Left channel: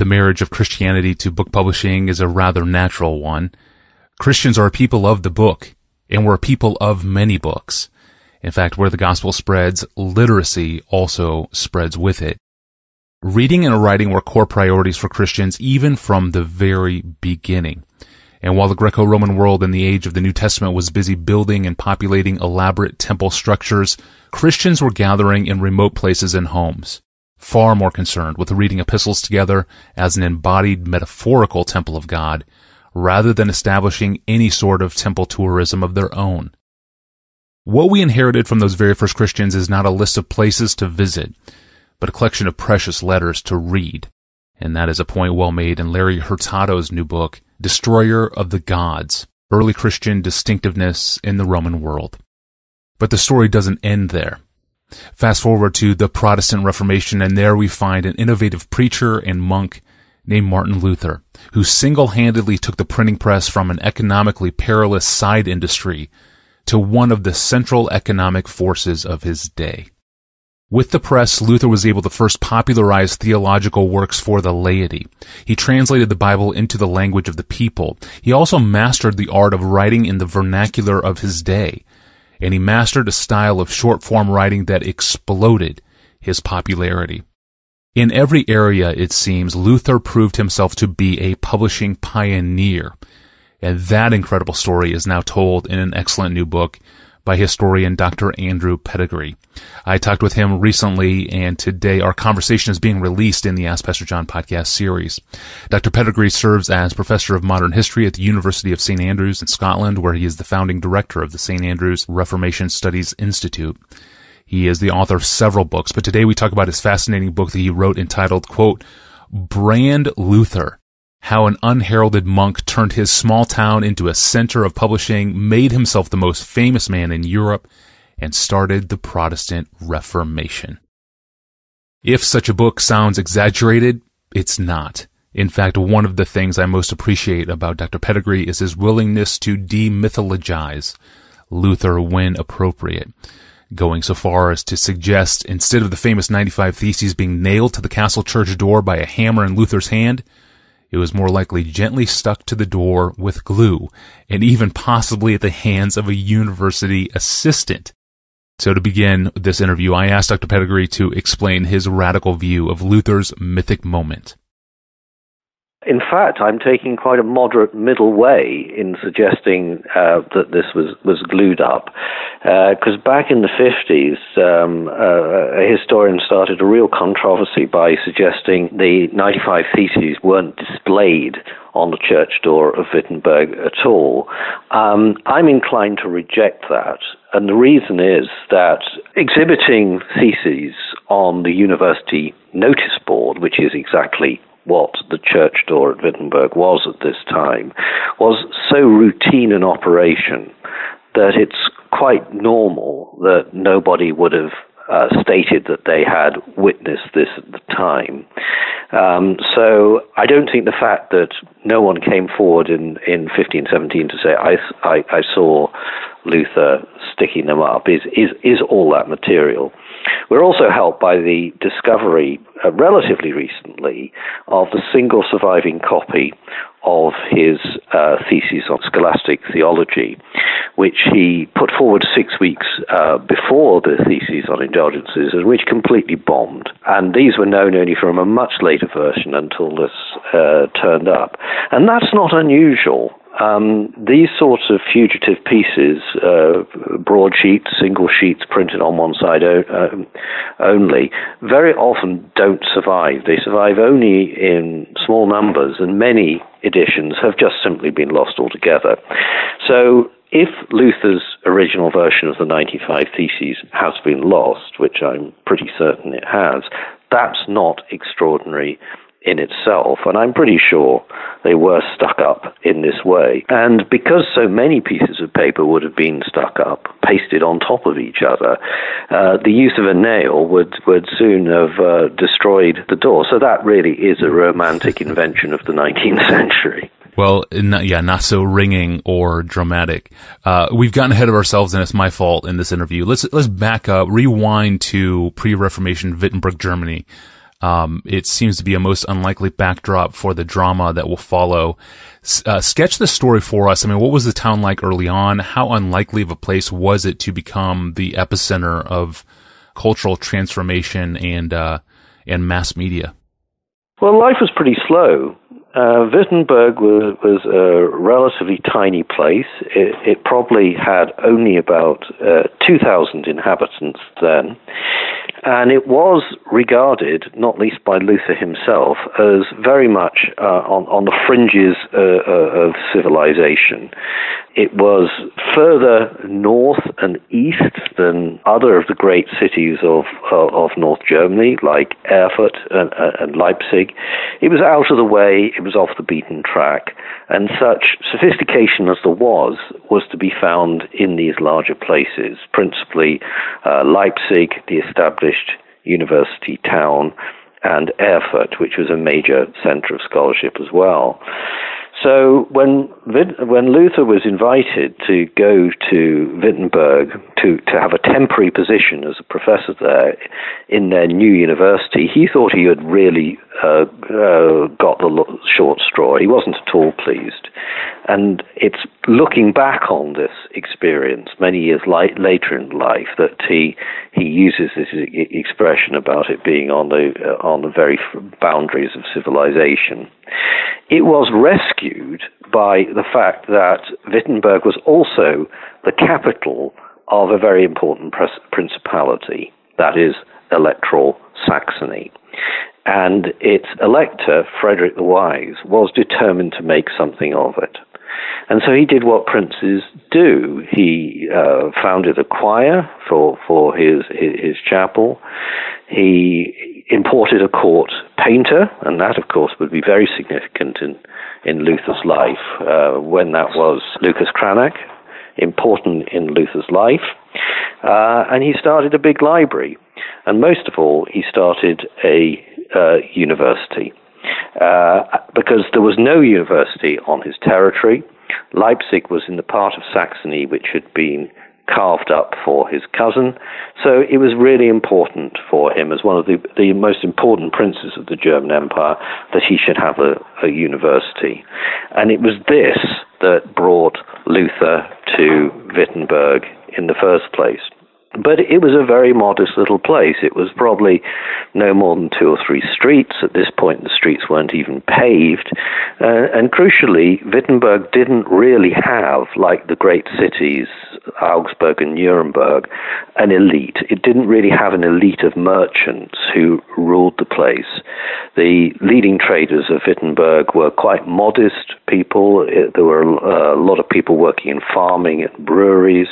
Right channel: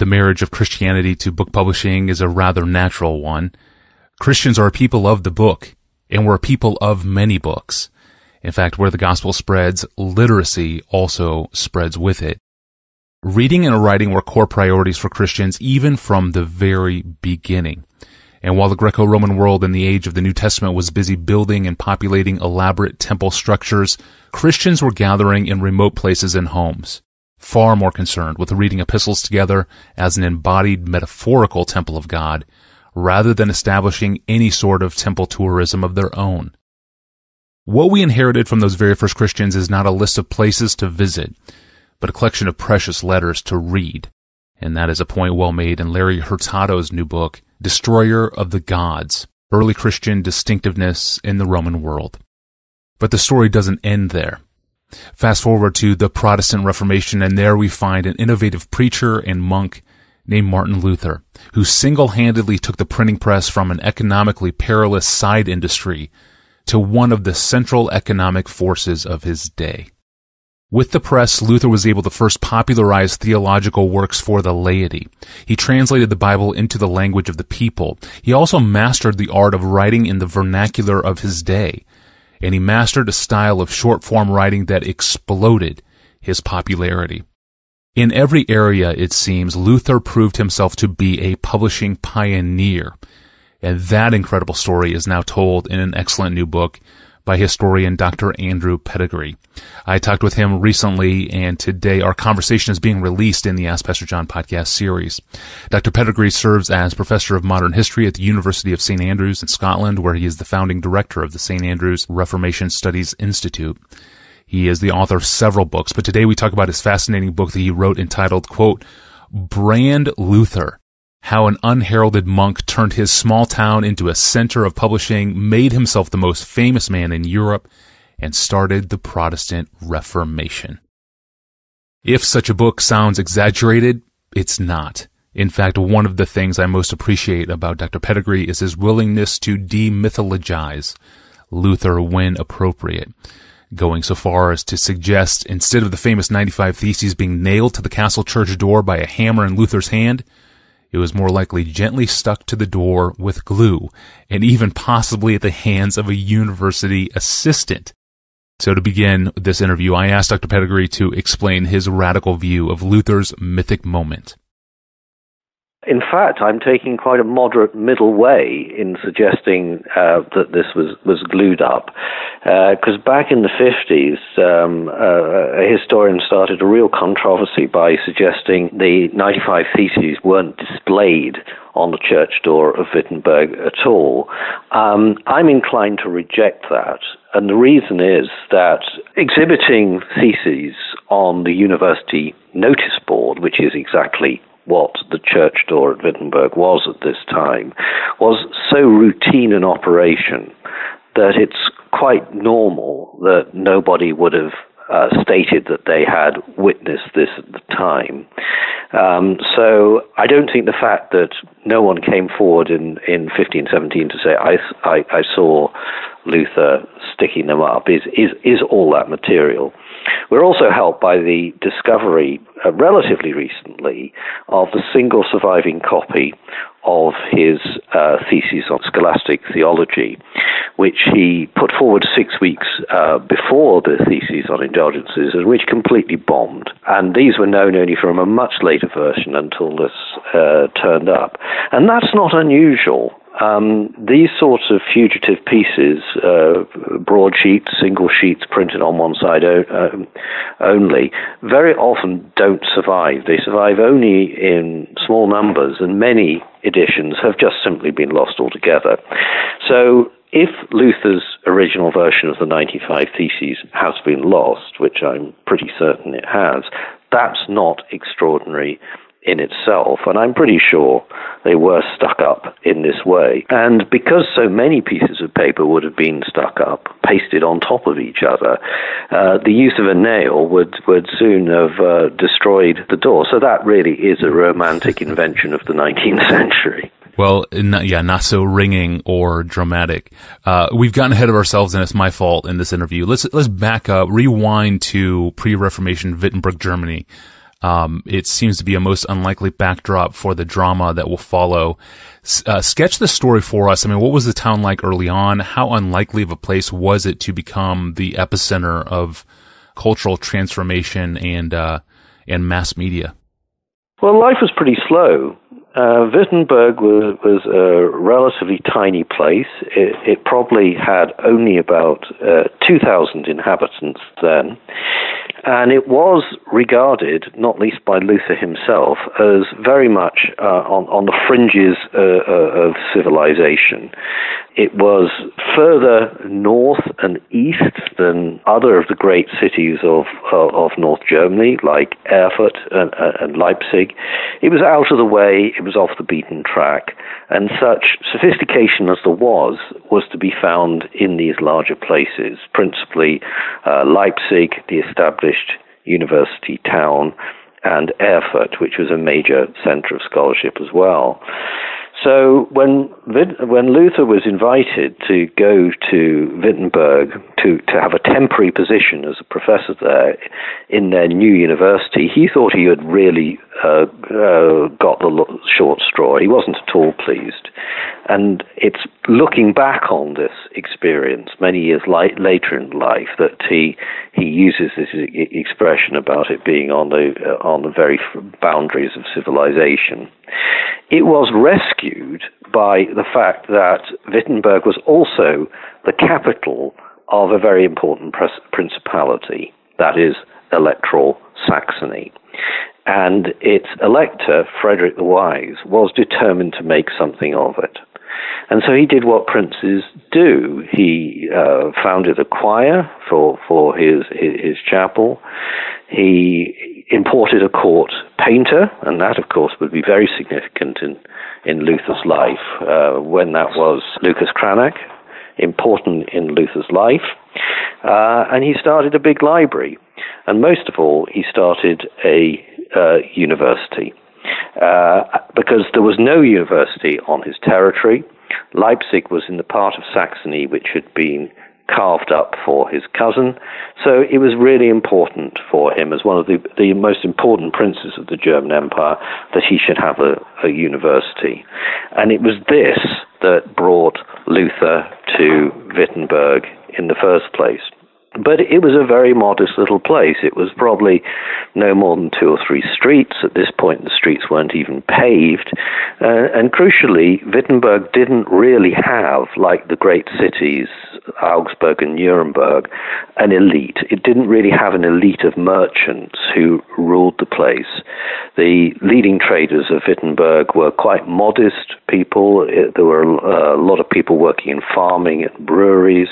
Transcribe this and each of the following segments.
the marriage of Christianity to book publishing is a rather natural one. Christians are a people of the book, and we're a people of many books. In fact, where the gospel spreads, literacy also spreads with it. Reading and writing were core priorities for Christians even from the very beginning. And while the Greco-Roman world in the age of the New Testament was busy building and populating elaborate temple structures, Christians were gathering in remote places and homes, far more concerned with reading epistles together as an embodied metaphorical temple of God, rather than establishing any sort of temple tourism of their own. What we inherited from those very first Christians is not a list of places to visit, but a collection of precious letters to read. And that is a point well made in Larry Hurtado's new book, Destroyer of the Gods, Early Christian Distinctiveness in the Roman World. But the story doesn't end there. Fast forward to the Protestant Reformation, and there we find an innovative preacher and monk named Martin Luther, who single-handedly took the printing press from an economically perilous side industry to one of the central economic forces of his day. With the press, Luther was able to first popularize theological works for the laity. He translated the Bible into the language of the people. He also mastered the art of writing in the vernacular of his day, and he mastered a style of short-form writing that exploded his popularity. In every area, it seems, Luther proved himself to be a publishing pioneer, and that incredible story is now told in an excellent new book by historian Dr. Andrew Pettegree. I talked with him recently, and today our conversation is being released in the Ask Pastor John podcast series. Dr. Pettegree serves as professor of modern history at the University of St. Andrews in Scotland, where he is the founding director of the St. Andrews Reformation Studies Institute. He is the author of several books, but today we talk about his fascinating book that he wrote entitled, quote, Brand Luther, How an Unheralded Monk Turned His Small Town into a Center of Publishing, Made Himself the Most Famous Man in Europe, and Started the Protestant Reformation. If such a book sounds exaggerated, it's not. In fact, one of the things I most appreciate about Dr. Pettegree is his willingness to demythologize Luther when appropriate, going so far as to suggest instead of the famous 95 Theses being nailed to the castle church door by a hammer in Luther's hand, it was more likely gently stuck to the door with glue, and even possibly at the hands of a university assistant. So to begin this interview, I asked Dr. Pettegree to explain his radical view of Luther's mythic moment. In fact, I'm taking quite a moderate middle way in suggesting that this was glued up, because back in the 50s, a historian started a real controversy by suggesting the 95 Theses weren't displayed on the church door of Wittenberg at all. I'm inclined to reject that, and the reason is that exhibiting theses on the university notice board, which is exactly what the church door at Wittenberg was at this time, was so routine an operation that it's quite normal that nobody would have stated that they had witnessed this at the time. So I don't think the fact that no one came forward in 1517 to say, I saw Luther sticking them up is all that material. We're also helped by the discovery, relatively recently, of the single surviving copy of his thesis on scholastic theology, which he put forward 6 weeks before the thesis on indulgences, and which completely bombed. And these were known only from a much later version until this turned up. And that's not unusual. These sorts of fugitive pieces, broadsheets, single sheets printed on one side only, very often don't survive. They survive only in small numbers, and many editions have just simply been lost altogether. So if Luther's original version of the 95 Theses has been lost, which I'm pretty certain it has, that's not extraordinary in itself, and I'm pretty sure they were stuck up in this way. And because so many pieces of paper would have been stuck up, pasted on top of each other, the use of a nail would soon have destroyed the door. So that really is a romantic invention of the 19th century. Well, not so ringing or dramatic. We've gotten ahead of ourselves, and it's my fault in this interview. Let's back up, rewind to pre-Reformation Wittenberg, Germany. It seems to be a most unlikely backdrop for the drama that will follow. Sketch the story for us. I mean, what was the town like early on? How unlikely of a place was it to become the epicenter of cultural transformation and mass media? Well, life was pretty slow. Wittenberg was a relatively tiny place. It probably had only about 2,000 inhabitants then. And it was regarded, not least by Luther himself, as very much on the fringes of civilization. It was further north and east than other of the great cities of North Germany, like Erfurt and Leipzig. It was out of the way, it was off the beaten track, and such sophistication as there was to be found in these larger places, principally Leipzig, the established university town, and Erfurt, which was a major center of scholarship as well. So when Luther was invited to go to Wittenberg to have a temporary position as a professor there in their new university, he thought he had really got the short straw. He wasn't at all pleased. And it's looking back on this experience many years later in life that he uses this expression about it being on the very boundaries of civilization. It was rescued by the fact that Wittenberg was also the capital of a very important principality, that is, electoral Saxony. And its elector, Frederick the Wise, was determined to make something of it. And so he did what princes do. He founded a choir for his chapel. He imported a court painter, and that, of course, would be very significant in Luther's life when that was Lucas Cranach, important in Luther's life. And he started a big library. And most of all, he started a university. Because there was no university on his territory. Leipzig was in the part of Saxony which had been carved up for his cousin. So it was really important for him, as one of the most important princes of the German Empire, that he should have a university. And it was this that brought Luther to Wittenberg in the first place. But it was a very modest little place. It was probably no more than 2 or 3 streets. At this point, the streets weren't even paved. And crucially, Wittenberg didn't really have, like the great cities, Augsburg and Nuremberg, an elite. It didn't really have an elite of merchants who ruled the place. The leading traders of Wittenberg were quite modest people. There were a lot of people working in farming and breweries.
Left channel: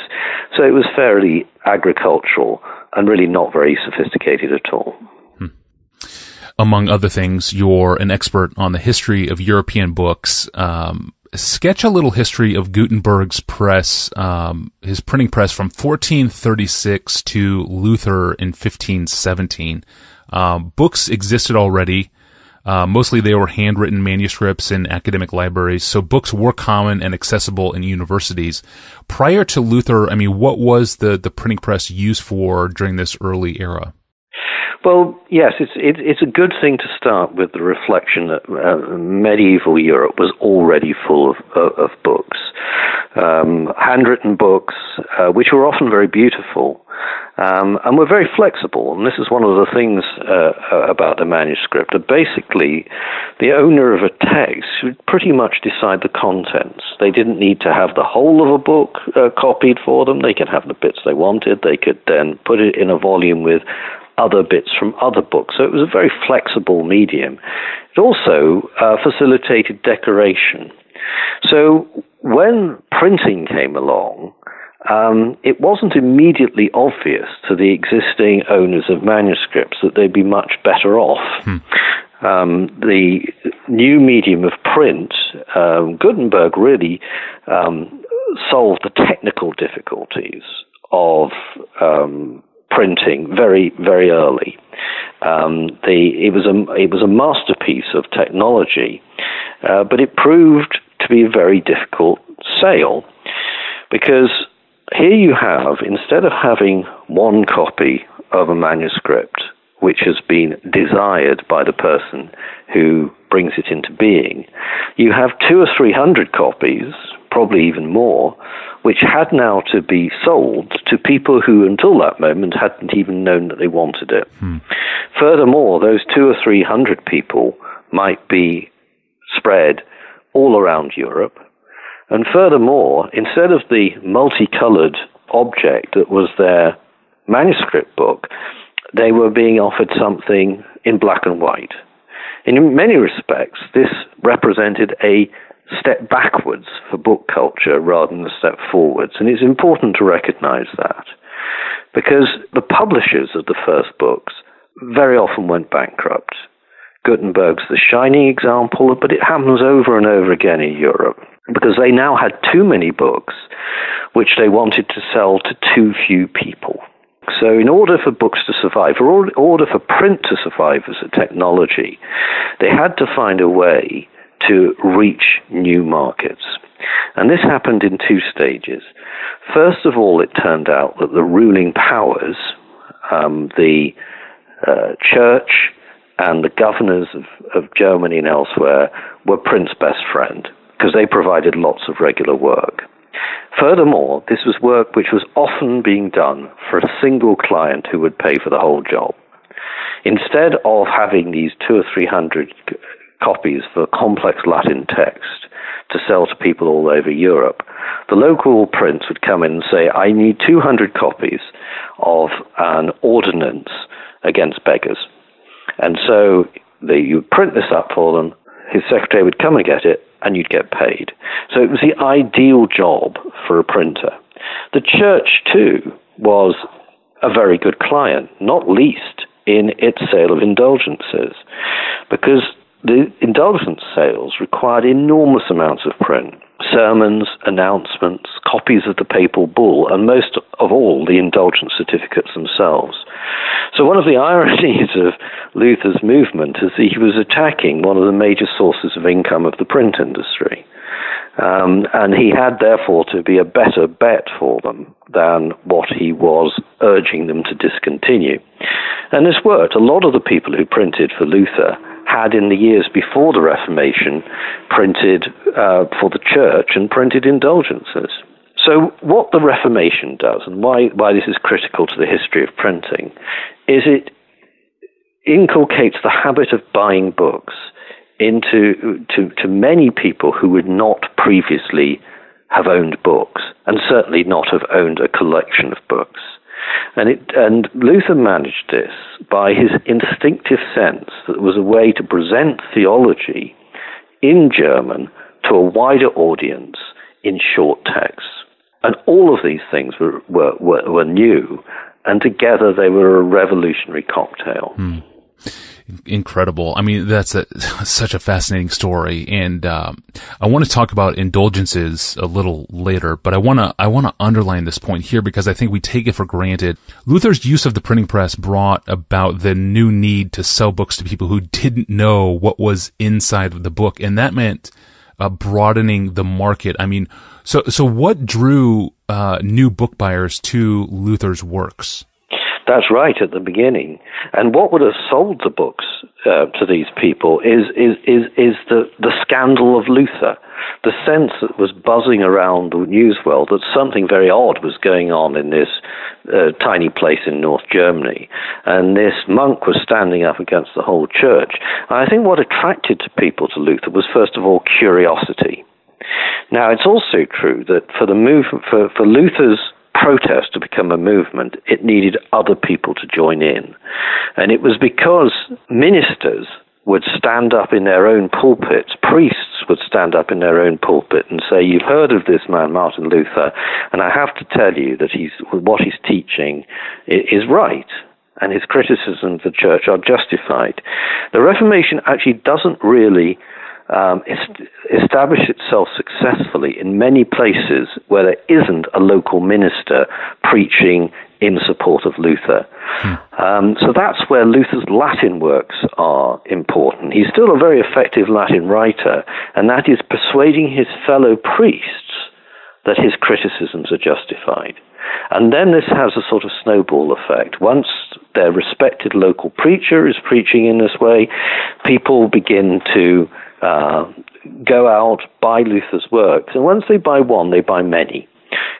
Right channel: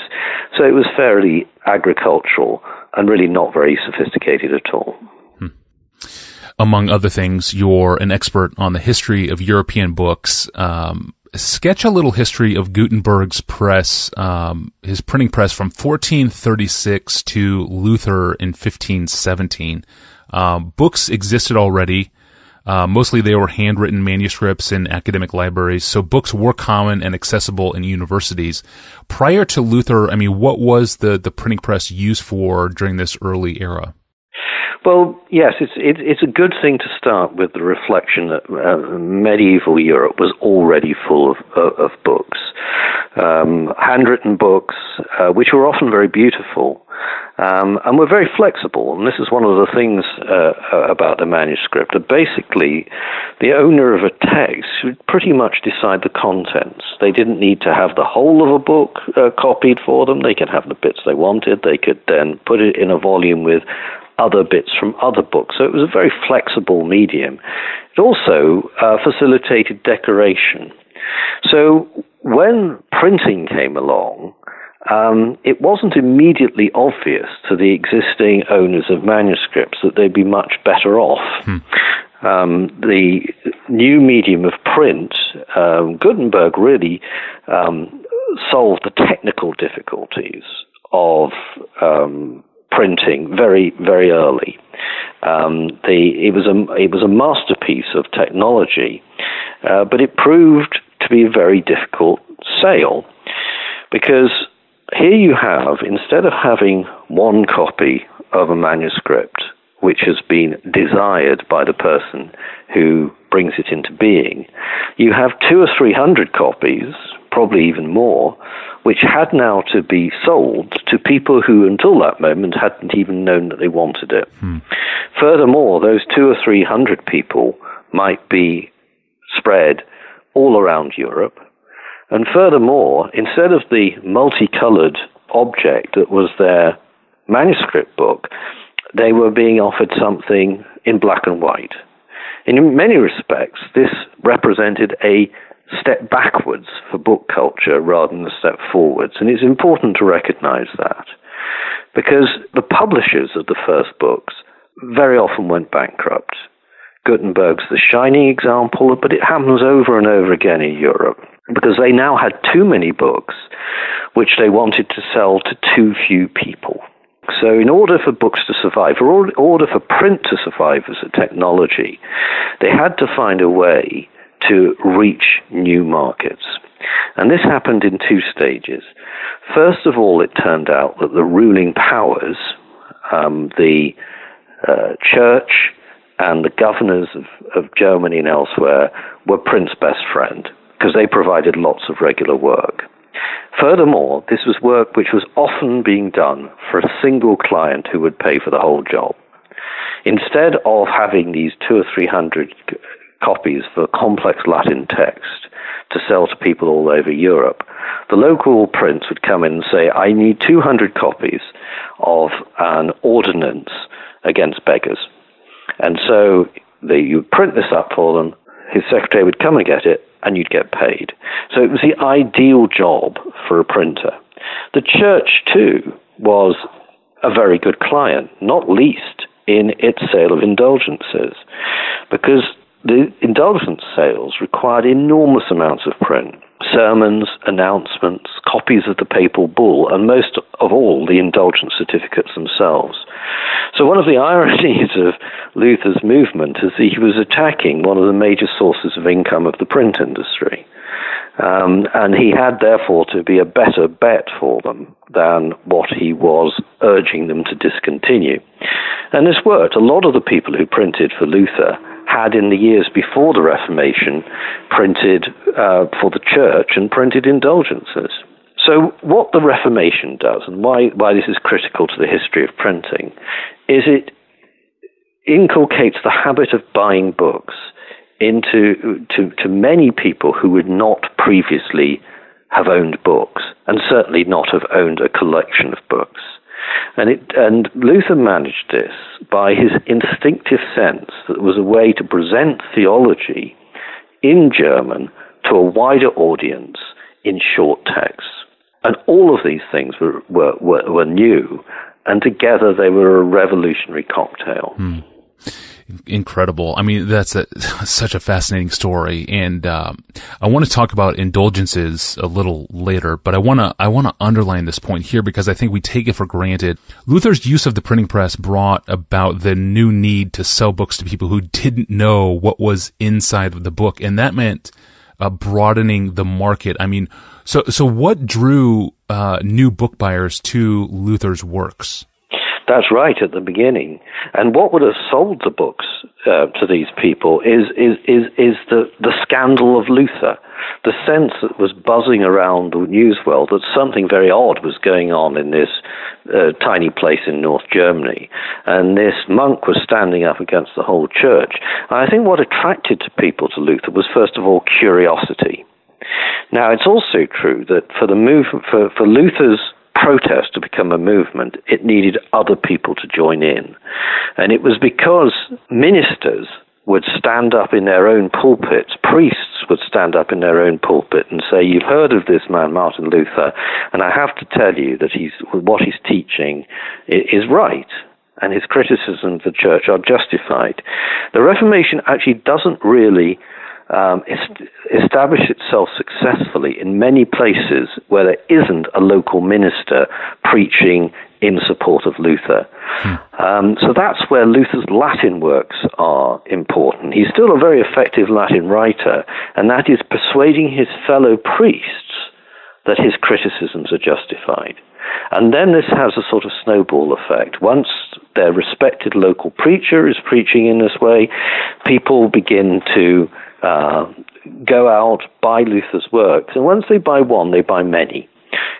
So it was fairly agricultural and really not very sophisticated at all. Among other things, you're an expert on the history of European books. Sketch a little history of Gutenberg's press, his printing press from 1436 to Luther in 1517. Books existed already. Mostly they were handwritten manuscripts in academic libraries, so books were common and accessible in universities. Prior to Luther, I mean, what was the printing press used for during this early era? Well, yes, it's a good thing to start with the reflection that medieval Europe was already full of books, handwritten books, which were often very beautiful, and were very flexible. And this is one of the things about the manuscript, that basically the owner of a text would pretty much decide the contents. They didn't need to have the whole of a book copied for them. They could have the bits they wanted. They could then put it in a volume with other bits from other books. So it was a very flexible medium. It also facilitated decoration. So when printing came along, it wasn't immediately obvious to the existing owners of manuscripts that they'd be much better off. The new medium of print, Gutenberg really solved the technical difficulties of printing very, very early. It was a masterpiece of technology, but it proved to be a very difficult sale, because here you have, instead of having one copy of a manuscript which has been desired by the person who brings it into being, you have 200 or 300 copies, probably even more, which had now to be sold to people who until that moment hadn't even known that they wanted it. Furthermore, those 200 or 300 people might be spread all around Europe. And furthermore, instead of the multicolored object that was their manuscript book, they were being offered something in black and white. In many respects, this represented a step backwards for book culture rather than a step forwards. And it's important to recognize that, because the publishers of the first books very often went bankrupt. Gutenberg's the shining example, but it happens over and over again in Europe, because they now had too many books which they wanted to sell to too few people. So in order for books to survive, or in order for print to survive as a technology, they had to find a way to reach new markets. And this happened in two stages. First of all, it turned out that the ruling powers, the church and the governors of Germany and elsewhere, were print's best friend, because they provided lots of regular work. Furthermore, this was work which was often being done for a single client who would pay for the whole job. Instead of having these 200 or 300 copies for complex Latin text to sell to people all over Europe, the local prince would come in and say, I need 200 copies of an ordinance against beggars. And so you print this up for them, his secretary would come and get it, and you'd get paid. So it was the ideal job for a printer. The church, too, was a very good client, not least in its sale of indulgences, because the indulgence sales required enormous amounts of print. Sermons, announcements, copies of the papal bull, and most of all, the indulgence certificates themselves. So one of the ironies of Luther's movement is that he was attacking one of the major sources of income of the print industry. And he had, therefore, to be a better bet for them than what he was urging them to discontinue. And this worked. A lot of the people who printed for Luther had, in the years before the Reformation, printed for the church and printed indulgences. So what the Reformation does, and why this is critical to the history of printing, is it inculcates the habit of buying books into many people who would not previously have owned books, and certainly not have owned a collection of books. And Luther managed this by his instinctive sense that it was a way to present theology in German to a wider audience in short texts. And all of these things were new, and together they were a revolutionary cocktail. Incredible. I mean, that's such a fascinating story. And I want to talk about indulgences a little later, but I want to underline this point here because I think we take it for granted. Luther's use of the printing press brought about the new need to sell books to people who didn't know what was inside of the book, and that meant broadening the market. I mean, so what drew new book buyers to Luther's works? That's right, at the beginning. And what would have sold the books to these people is the scandal of Luther, the sense that was buzzing around the news world that something very odd was going on in this tiny place in North Germany. And this monk was standing up against the whole church. And I think what attracted people to Luther was, first of all, curiosity. Now, it's also true that for Luther's protest to become a movement, it needed other people to join in. And it was because ministers would stand up in their own pulpits, priests would stand up in their own pulpit and say, you've heard of this man, Martin Luther, and I have to tell you that what he's teaching is right, and his criticisms of the church are justified. The Reformation actually doesn't really establish itself successfully in many places where there isn't a local minister preaching in support of Luther. So that's where Luther's Latin works are important. He's still a very effective Latin writer, and that is persuading his fellow priests that his criticisms are justified. And then this has a sort of snowball effect. Once their respective respected local preacher is preaching in this way, people begin to go out, buy Luther's works, and once they buy one, they buy many.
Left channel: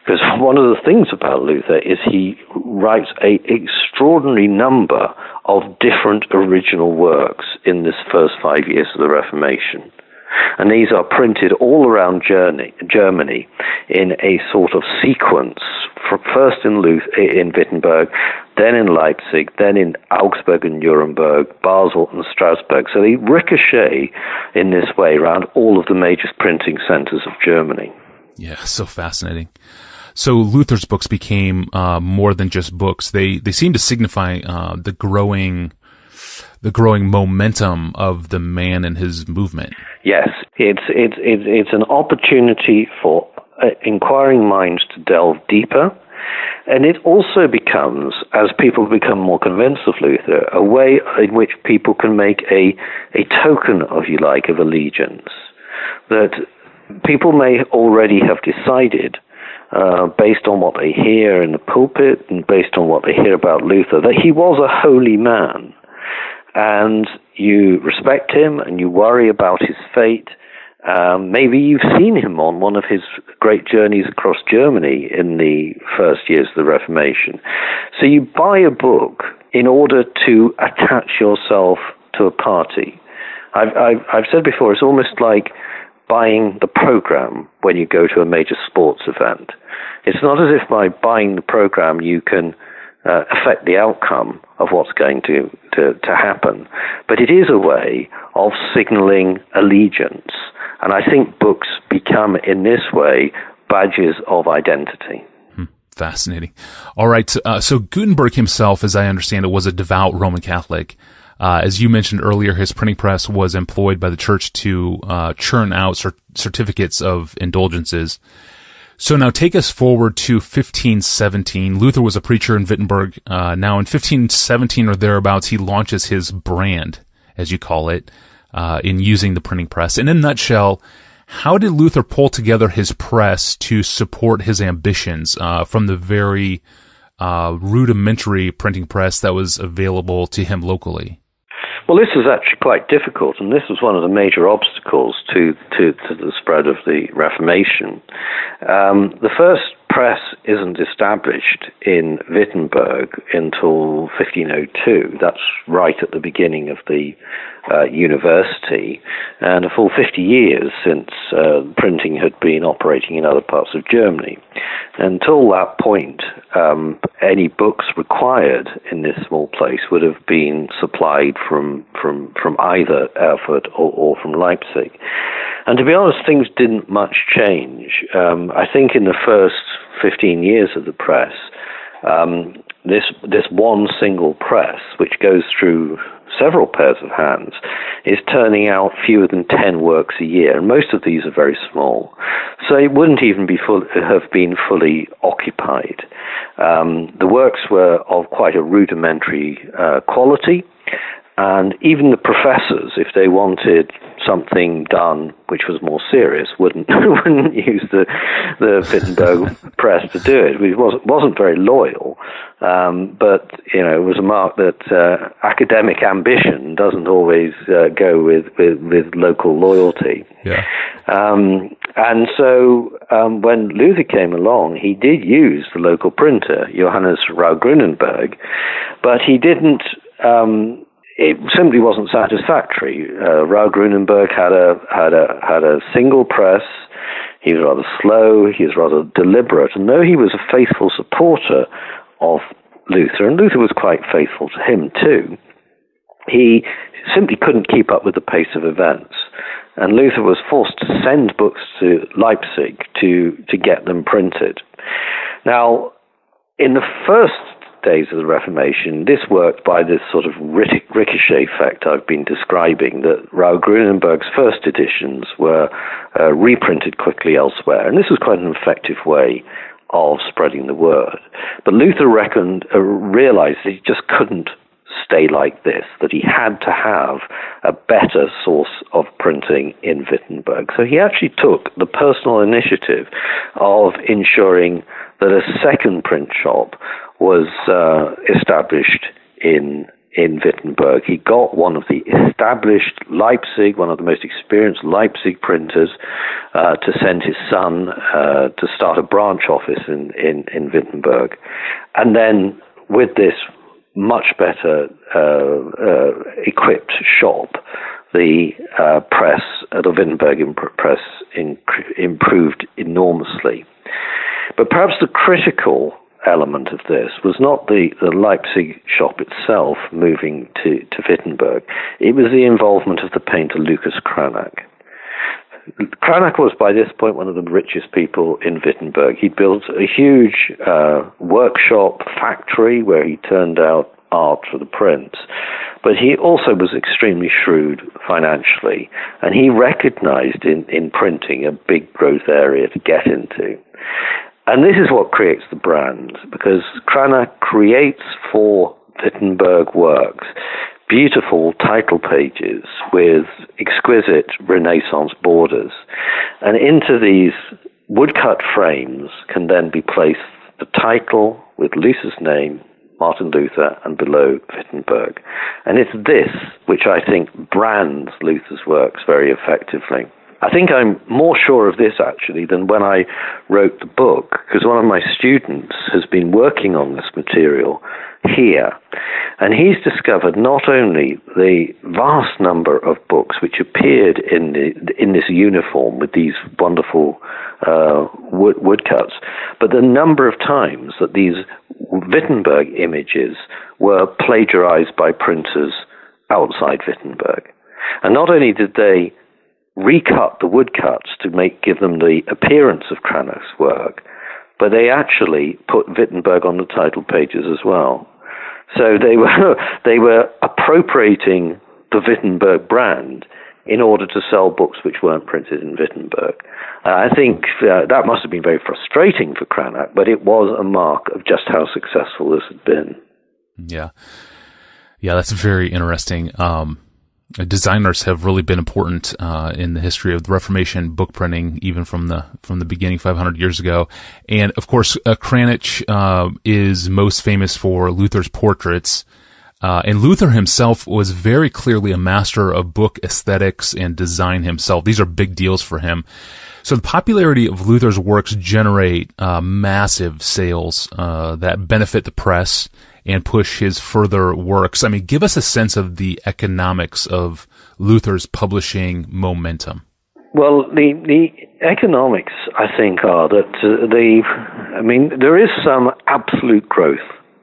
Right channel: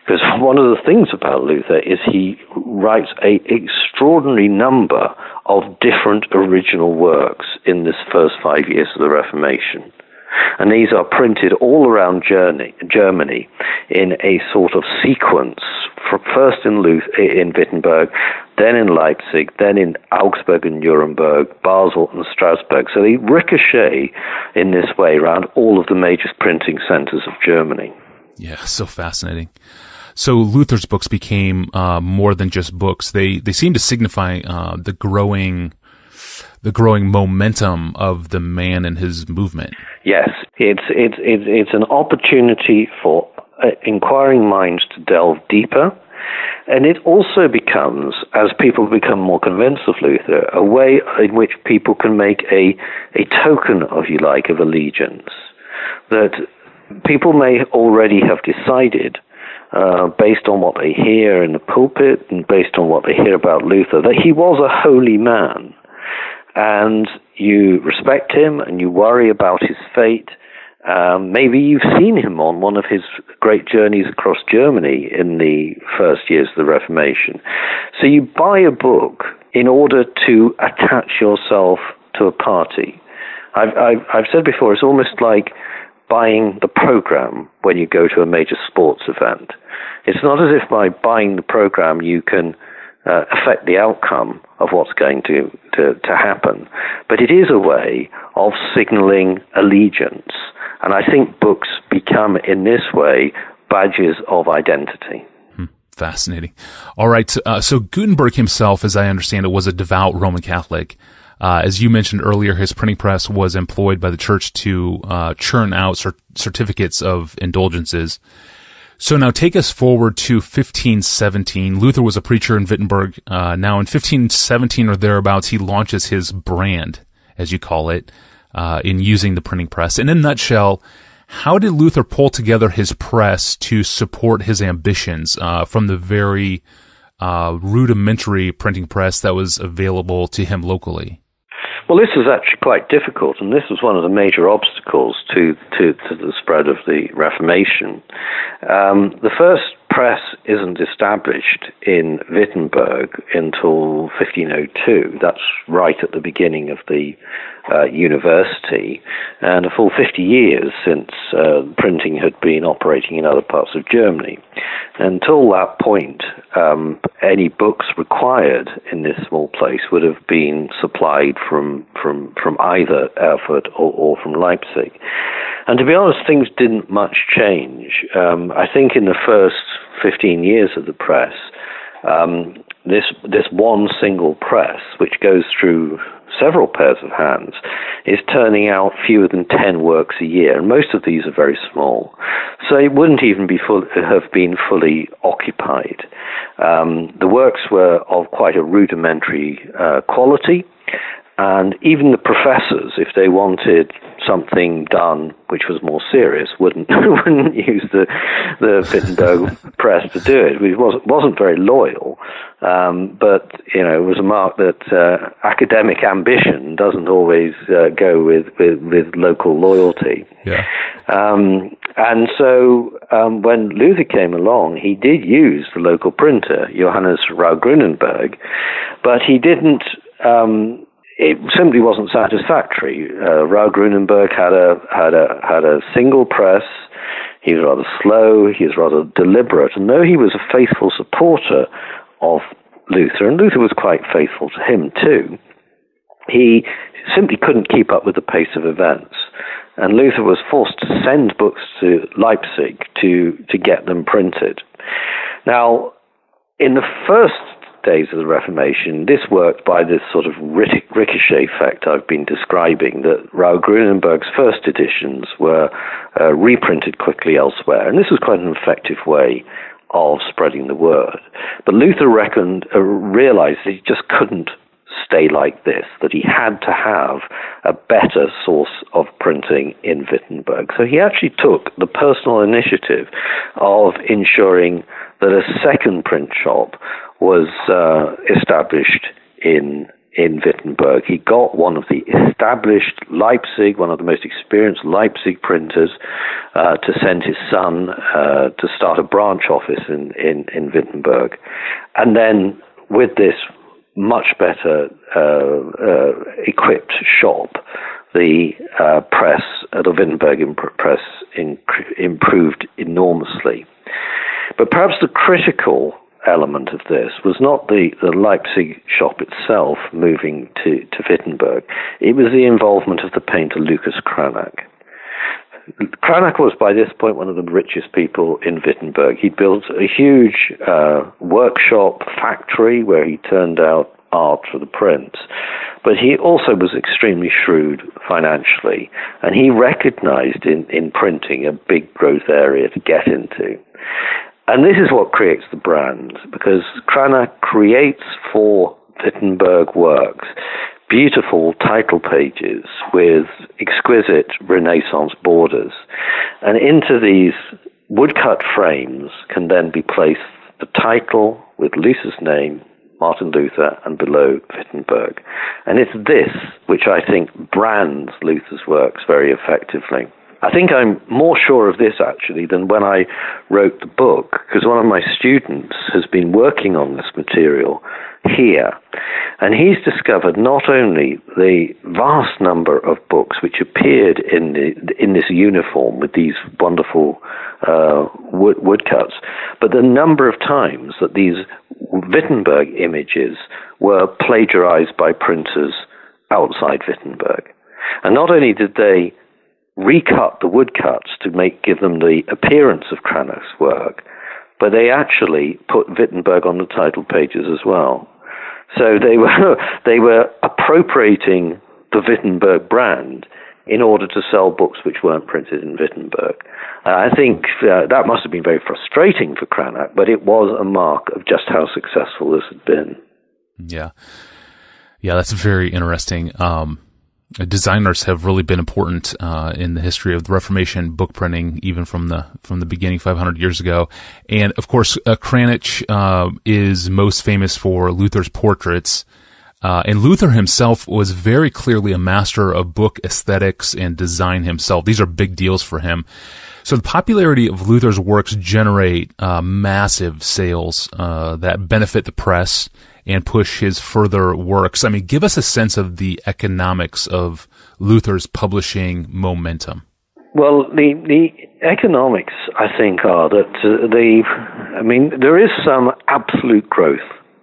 Because one of the things about Luther is he writes an extraordinary number of different original works in this first 5 years of the Reformation. And these are printed all around Germany in a sort of sequence, first in Wittenberg, then in Leipzig, then in Augsburg and Nuremberg, Basel and Strasbourg. So they ricochet in this way around all of the major printing centers of Germany. Yeah, so fascinating. So Luther's books became more than just books. They seem to signify the growing momentum of the man and his movement. Yes, it's an opportunity for inquiring minds to delve deeper, and it also becomes, as people become more convinced of Luther, a way in which people can make a token, if you like, of allegiance. That people may already have decided, based on what they hear in the pulpit and based on what they hear about Luther, that he was a holy man. And you respect him and you worry about his fate. Maybe you've seen him on one of his great journeys across Germany in the first years of the Reformation. So you buy a book in order to attach yourself to a party. I've said before, it's almost like buying the program when you go to a major sports event. It's not as if by buying the program you can affect the outcome of what's going to happen, but it is a way of signaling allegiance. And I think books become, in this way, badges of identity. Fascinating. All right. So Gutenberg himself, as I understand it, was a devout Roman Catholic. As you mentioned earlier, his printing press was employed by the church to churn out certificates of indulgences. So now take us forward to 1517. Luther was a preacher in Wittenberg. Now in 1517 or thereabouts, he launches his brand, as you call it, in using the printing press. In a nutshell, how did Luther pull together his press to support his ambitions from the very rudimentary printing press that was available to him locally? Well, this is actually quite difficult, and this was one of the major obstacles to the spread of the Reformation. The first press isn't established in Wittenberg until 1502. That's right at the beginning of the university, and a full 50 years since printing had been operating in other parts of Germany. Until that point, any books required in this small place would have been supplied from either Erfurt or from Leipzig. And to be honest, things didn't much change. I think in the first 15 years of the press, this one single press, which goes through several pairs of hands, is turning out fewer than 10 works a year, and most of these are very small. So it wouldn't even have been fully occupied. The works were of quite a rudimentary quality, and even the professors, if they wanted something done which was more serious, wouldn't use the Wittenberg press to do it. It wasn't very loyal, but it was a mark that academic ambition doesn't always go with local loyalty. Yeah. And so when Luther came along, he did use the local printer, Johannes Rau-Grünenberg, but he didn't. It simply wasn't satisfactory. Rau-Grünenberg had a single press. He was rather slow. He was rather deliberate. And though he was a faithful supporter of Luther, and Luther was quite faithful to him too, he simply couldn't keep up with the pace of events. And Luther was forced to send books to Leipzig to get them printed. Now, in the first days of the Reformation, this worked by this sort of ricochet effect I've been describing, that Rau-Grünenberg's first editions were reprinted quickly elsewhere, and this was quite an effective way of spreading the word. But Luther realized that he just couldn't stay like this, that he had to have a better source of printing in Wittenberg. So he actually took the personal initiative of ensuring that a second print shop was established in in Wittenberg. He got one of the established one of the most experienced Leipzig printers, to send his son to start a branch office in Wittenberg. And then with this much better equipped shop, the press, the Wittenberg press, improved enormously. But perhaps the critical element of this was not the Leipzig shop itself moving to Wittenberg. It was the involvement of the painter Lucas Cranach. Cranach was by this point one of the richest people in Wittenberg. He built a huge workshop factory where he turned out art for the prints. But he also was extremely shrewd financially, and he recognized in printing a big growth area to get into. And this is what creates the brand, because Cranach creates for Wittenberg works beautiful title pages with exquisite Renaissance borders. And into these woodcut frames can then be placed the title with Luther's name, Martin Luther, and below Wittenberg. And it's this which I think brands Luther's works very effectively. I think I'm more sure of this, actually, than when I wrote the book, because one of my students has been working on this material here, and he's discovered not only the vast number of books which appeared in this uniform with these wonderful woodcuts, but the number of times that these Wittenberg images were plagiarized by printers outside Wittenberg. And not only did they recut the woodcuts to give them the appearance of Cranach's work, but they actually put Wittenberg on the title pages as well. So they were appropriating the Wittenberg brand in order to sell books which weren't printed in Wittenberg. I think that must have been very frustrating for Cranach, but it was a mark of just how successful this had been. Yeah, that's very interesting. Designers have really been important in the history of the Reformation book printing, even from the beginning 500 years ago. And of course, Cranach is most famous for Luther's portraits. And Luther himself was very clearly a master of book aesthetics and design himself. These are big deals for him. So the popularity of Luther's works generate massive sales that benefit the press and push his further works. I mean, give us a sense of the economics of Luther's publishing momentum. Well, the economics, I think, are that there is some absolute growth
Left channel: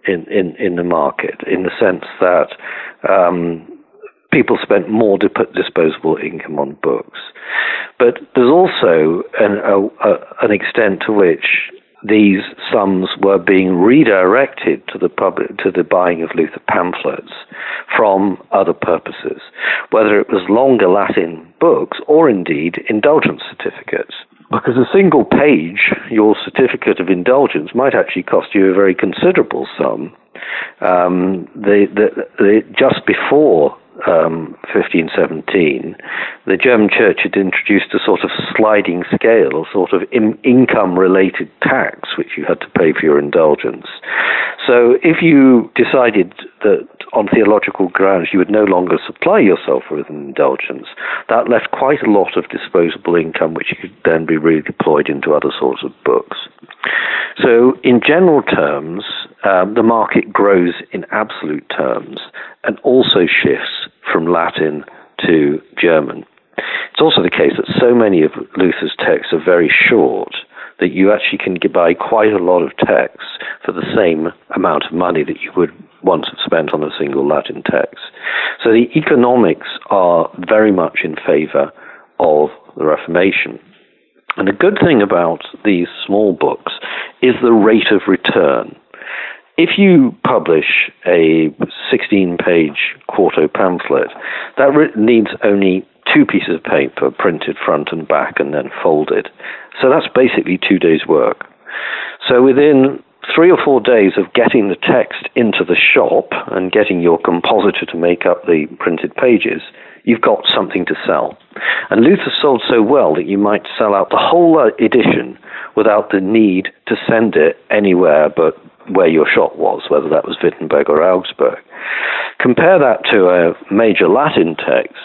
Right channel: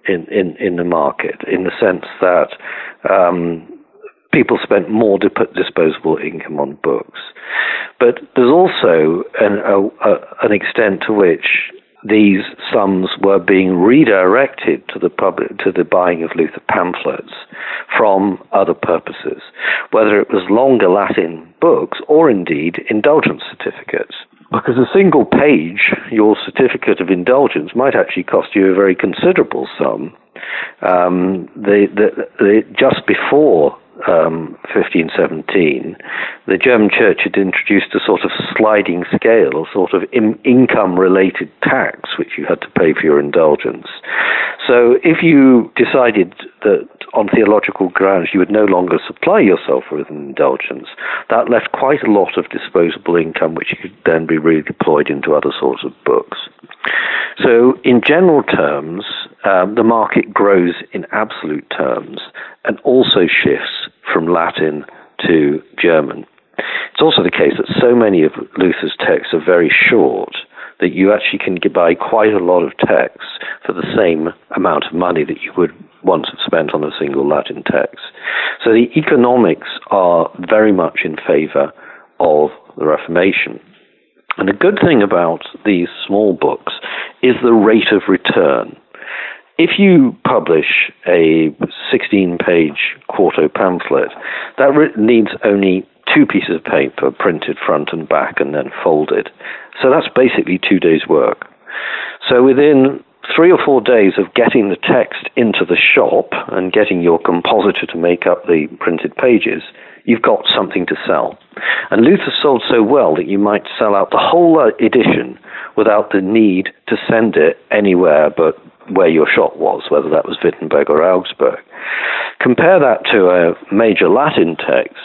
in the market, in the sense that people spent more disposable income on books. But there's also an extent to which these sums were being redirected to the public, to the buying of Luther pamphlets from other purposes, whether it was longer Latin books or indeed indulgence certificates. Because a single page, your certificate of indulgence, might actually cost you a very considerable sum. Just before 1517, the German Church had introduced a sort of sliding scale, a sort of income-related tax, which you had to pay for your indulgence. So if you decided that on theological grounds you would no longer supply yourself with an indulgence, that left quite a lot of disposable income, which could then be redeployed into other sorts of books. So in general terms, the market grows in absolute terms and also shifts from Latin to German. It's also the case that so many of Luther's texts are very short that you actually can buy quite a lot of texts for the same amount of money that you would once have spent on a single Latin text. So the economics are very much in favor of the Reformation. And the good thing about these small books is the rate of return. If you publish a 16-page quarto pamphlet, that needs only 2 pieces of paper printed front and back and then folded. So that's basically 2 days' work. So within 3 or 4 days of getting the text into the shop and getting your compositor to make up the printed pages, you've got something to sell. And Luther sold so well that you might sell out the whole edition without the need to send it anywhere but where your shop was, whether that was Wittenberg or Augsburg. compare that to a major Latin text,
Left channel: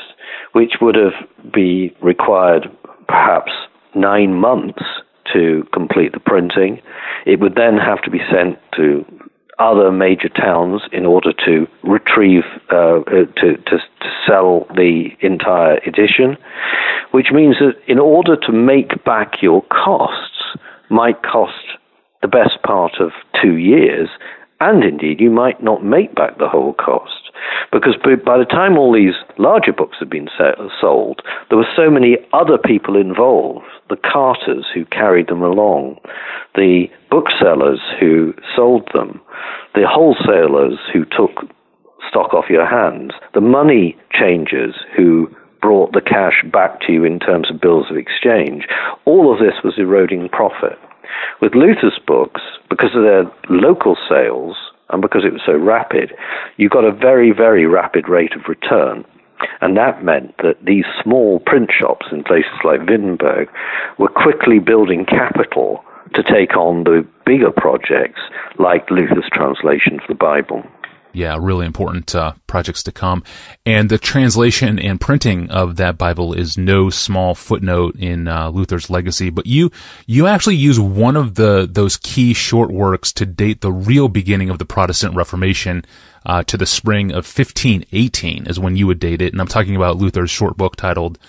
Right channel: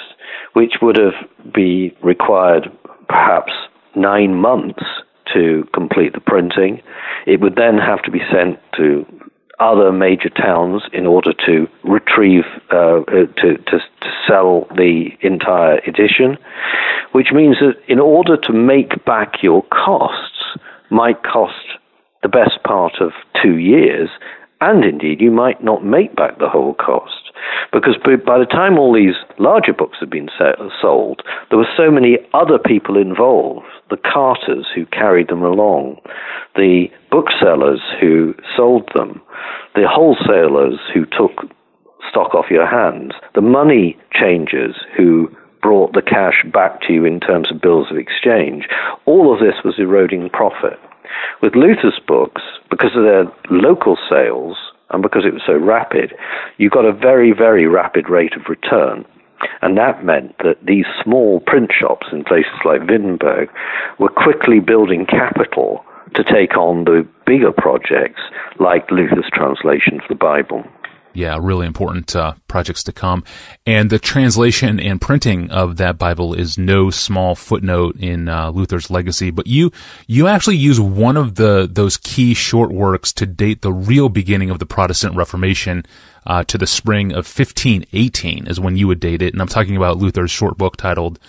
which would have be required perhaps 9 months to complete the printing. It would then have to be sent to other major towns in order to retrieve, to sell the entire edition, which means that in order to make back your costs might cost the best part of 2 years, and indeed you might not make back the whole cost. Because by the time all these larger books had been sold, there were so many other people involved, the carters who carried them along, the booksellers who sold them, the wholesalers who took stock off your hands, the money changers who brought the cash back to you in terms of bills of exchange. All of this was eroding profit. With Luther's books, because of their local sales and because it was so rapid, you got a very, very rapid rate of return. And that meant that these small print shops in places like Wittenberg were quickly building capital to take on the bigger projects like Luther's translation of the Bible. Yeah, really important projects to come. And the translation and printing of that Bible is no small footnote in Luther's legacy. But you actually use one of those key short works to date the real beginning of the Protestant Reformation to the spring of 1518 is when you would date it. And I'm talking about Luther's short book titled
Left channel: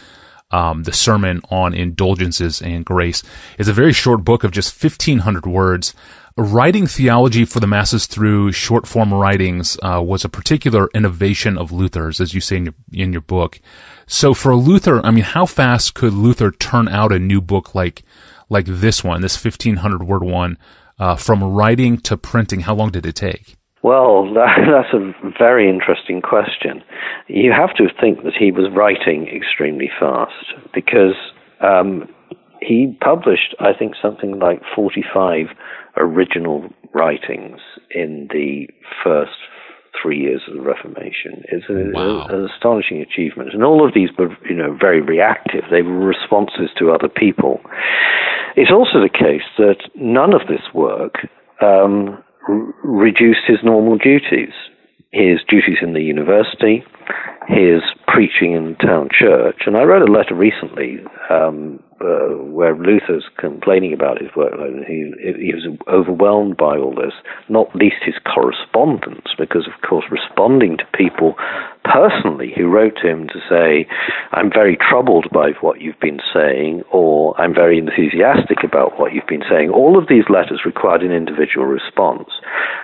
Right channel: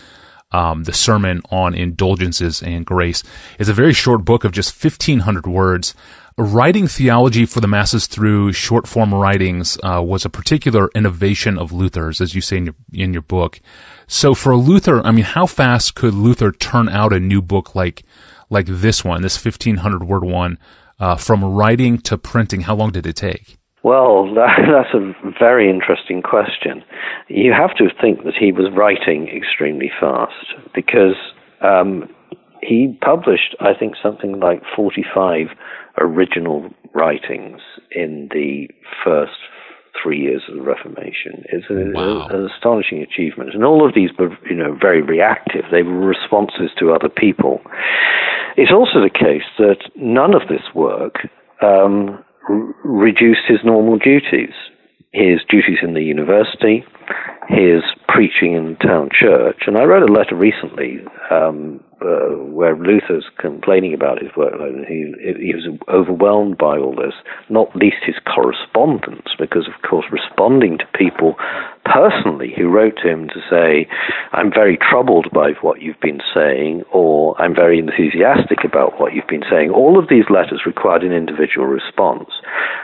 The Sermon on Indulgences and Grace. It's a very short book of just 1,500 words. Writing theology for the masses through short-form writings was a particular innovation of Luther's, as you say in your book. So for Luther, I mean, how fast could Luther turn out a new book like this one, this 1,500-word one, from writing to printing? How long did it take? Well, that's a very interesting question. You have to think that he was writing extremely fast because he published, I think, something like 45 original writings in the first 3 years of the Reformation. It's an astonishing achievement. And all of these were, very reactive. They were responses to other people. It's also the case that none of this work reduced his normal duties. His duties in the university, his preaching in the town church. And I wrote a letter recently where Luther's complaining about his workload, and he was overwhelmed by all this, not least his correspondence, because, of course, responding to people personally who wrote to him to say, I'm very troubled by what you've been saying, or I'm very enthusiastic about what you've been saying. All of these letters required an individual response.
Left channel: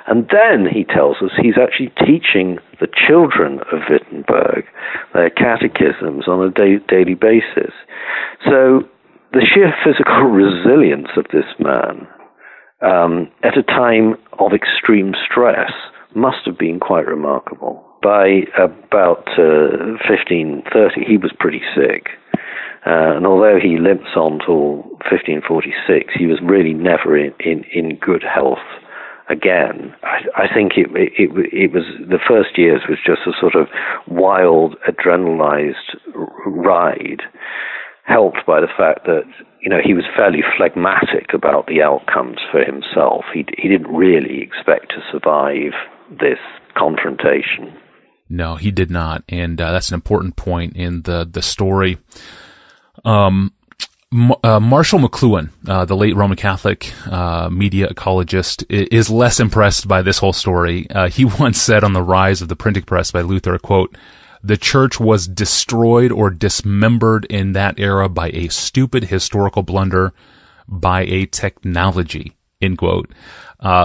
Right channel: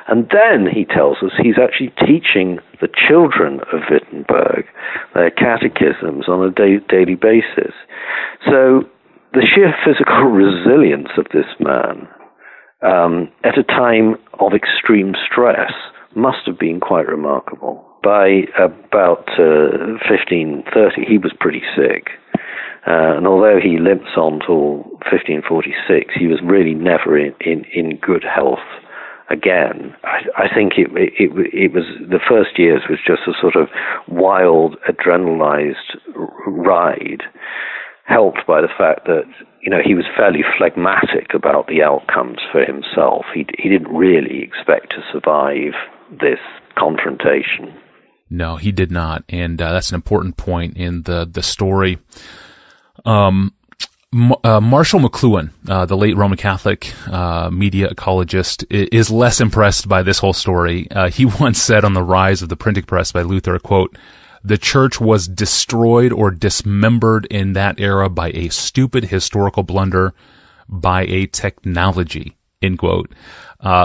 And then, he tells us, he's actually teaching the children of Wittenberg their catechisms on a daily basis. So the sheer physical resilience of this man at a time of extreme stress must have been quite remarkable. By about 1530, he was pretty sick. And although he limps on till 1546, he was really never in good health again. I think it was the first years was just a sort of wild, adrenalized ride, helped by the fact that he was fairly phlegmatic about the outcomes for himself. He didn't really expect to survive this confrontation. No, he did not, and that's an important point in the story. Marshall McLuhan, the late Roman Catholic media ecologist, is less impressed by this whole story. He once said on the rise of the printing press by Luther, quote, "The church was destroyed or dismembered in that era by a stupid historical blunder, by a technology," end quote.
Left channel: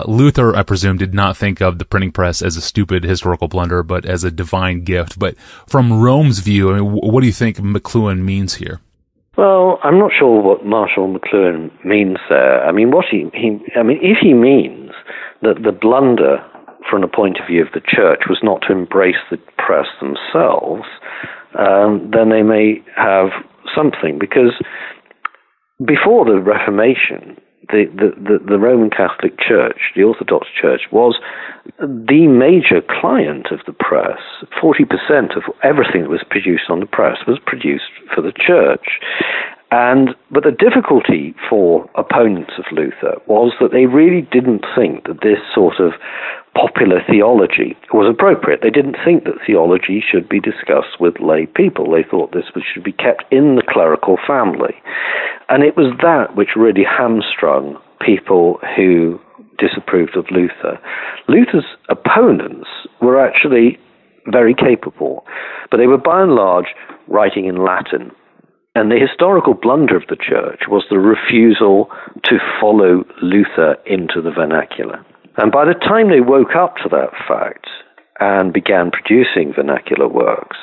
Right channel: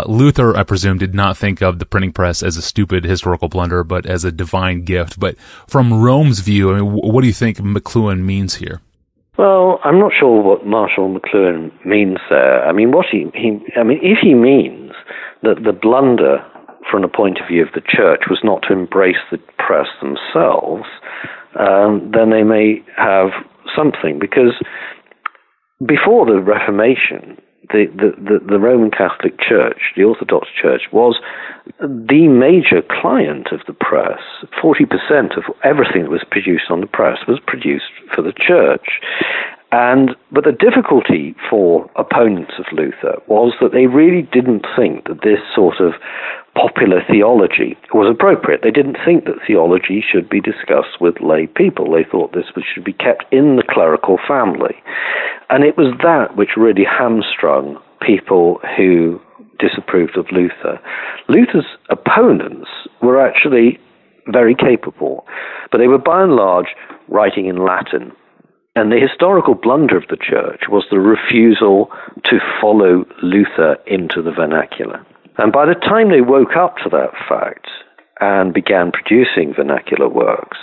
Luther, I presume, did not think of the printing press as a stupid historical blunder, but as a divine gift. But from Rome's view, I mean, what do you think McLuhan means here? Well, I'm not sure what Marshall McLuhan means there. I mean, if he means that the blunder from the point of view of the church was not to embrace the press themselves, then they may have something, because before the Reformation, the Roman Catholic Church, the Orthodox Church, was the major client of the press. 40% of everything that was produced on the press was produced for the church. But the difficulty for opponents of Luther was that they really didn't think that this sort of popular theology was appropriate. They didn't think that theology should be discussed with lay people. They thought this should be kept in the clerical family. And it was that which really hamstrung people who disapproved of Luther. Luther's opponents were actually very capable, but they were by and large writing in Latin. And the historical blunder of the church was the refusal to follow Luther into the vernacular. And by the time they woke up to that fact and began producing vernacular works,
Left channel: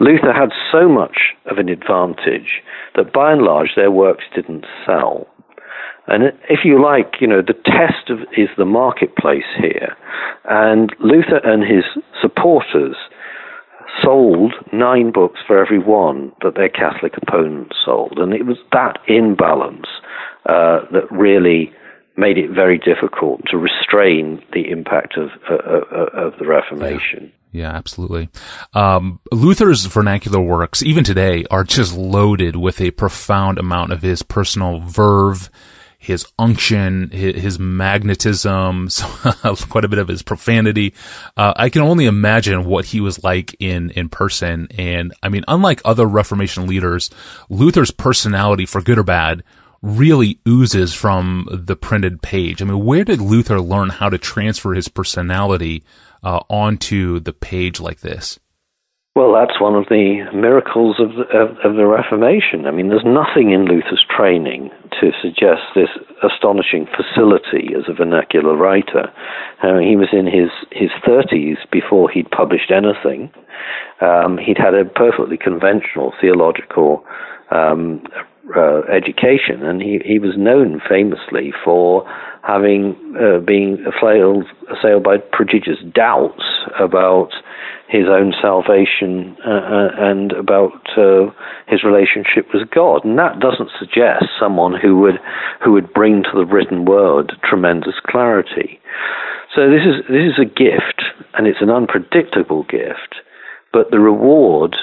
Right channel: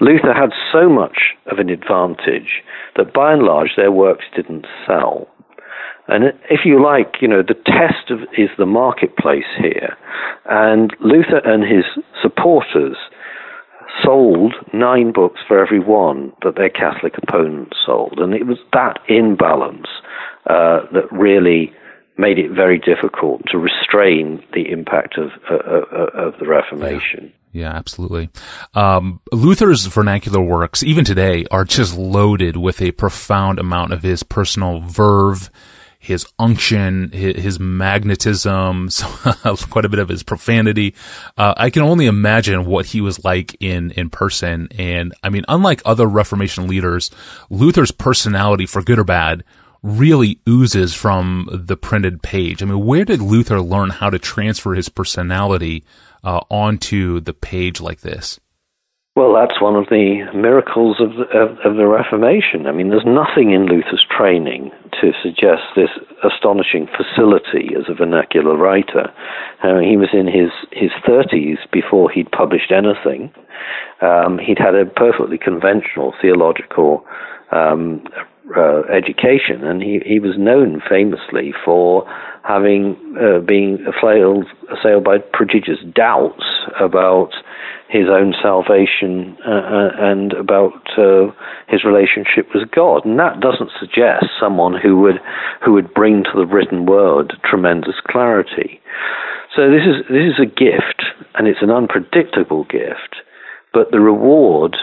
Luther had so much of an advantage that by and large their works didn't sell. And if you like, the test is the marketplace here. And Luther and his supporters sold 9 books for every one that their Catholic opponents sold. And it was that imbalance that really made it very difficult to restrain the impact of the Reformation. Yeah, absolutely. Luther's vernacular works, even today, are just loaded with a profound amount of his personal verve, his unction, his magnetism, quite a bit of his profanity. I can only imagine what he was like in person. And I mean, unlike other Reformation leaders, Luther's personality, for good or bad, really oozes from the printed page. I mean, where did Luther learn how to transfer his personality onto the page like this? Well, that's one of the miracles of the Reformation. I mean, there's nothing in Luther's training to suggest this astonishing facility as a vernacular writer. He was in his 30s before he'd published anything. He'd had a perfectly conventional theological education, and he was known famously for having being assailed by prodigious doubts about his own salvation and about his relationship with God. And that doesn't suggest someone who would bring to the written word tremendous clarity. So this is a gift, and it's an unpredictable gift, but the reward,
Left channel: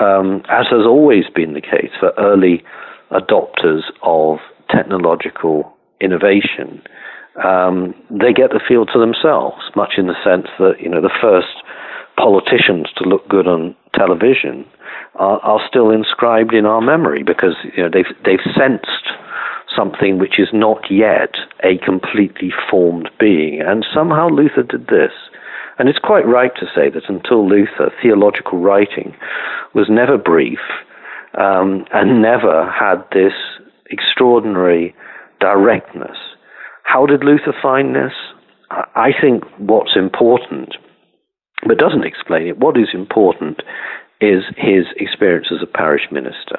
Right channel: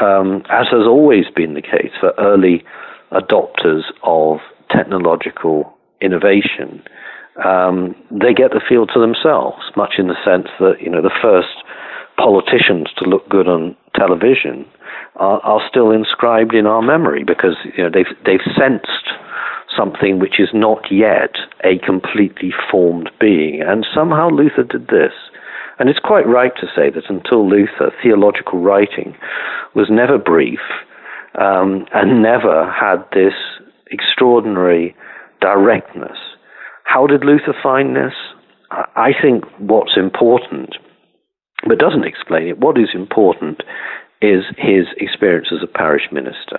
as has always been the case for early adopters of technological innovation, they get the field to themselves, much in the sense that, the first politicians to look good on television are still inscribed in our memory because they've sensed something which is not yet a completely formed being. And somehow Luther did this. And it's quite right to say that until Luther, theological writing was never brief and never had this extraordinary directness. How did Luther find this? I think what's important, but doesn't explain it, what is important is his experience as a parish minister.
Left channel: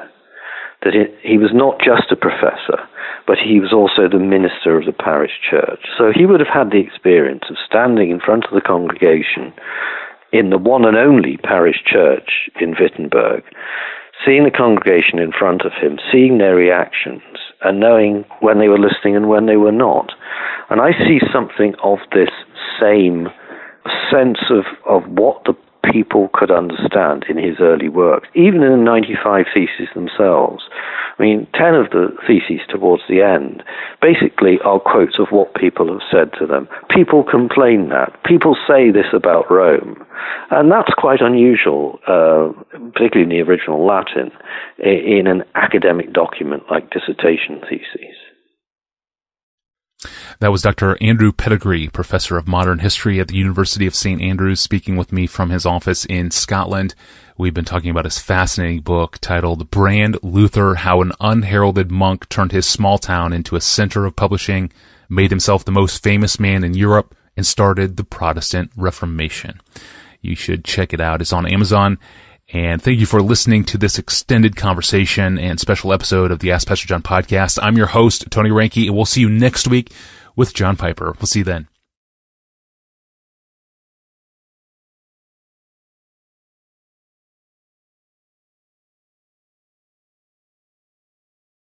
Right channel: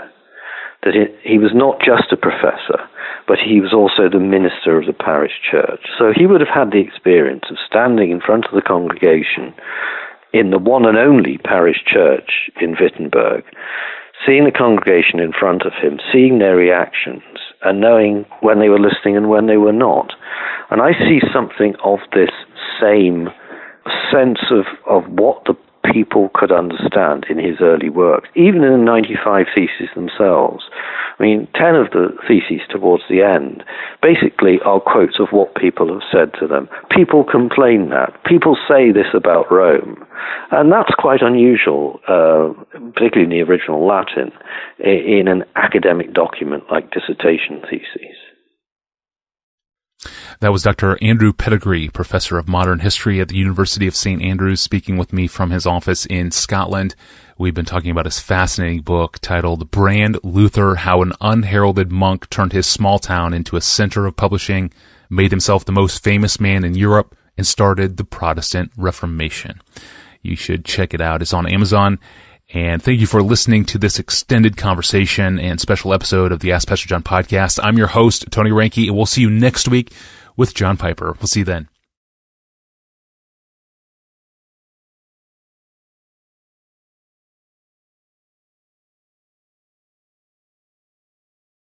That he was not just a professor, but he was also the minister of the parish church. So he would have had the experience of standing in front of the congregation in the one and only parish church in Wittenberg, seeing the congregation in front of him, seeing their reactions, and knowing when they were listening and when they were not. And I see something of this same sense of what the people could understand in his early works, even in the 95 Theses themselves. I mean, 10 of the theses towards the end basically are quotes of what people have said to them. People complain that. People say this about Rome. And that's quite unusual, particularly in the original Latin, in an academic document like dissertation theses. That was Dr. Andrew Pettegree, professor of modern history at the University of St. Andrews, speaking with me from his office in Scotland. We've been talking about his fascinating book titled Brand Luther, How an Unheralded Monk Turned His Small Town into a Center of Publishing, made himself the most famous man in Europe, and started the Protestant Reformation. You should check it out. It's on Amazon. And thank you for listening to this extended conversation and special episode of the Ask Pastor John podcast. I'm your host, Tony Reinke, and we'll see you next week with John Piper. We'll see you then.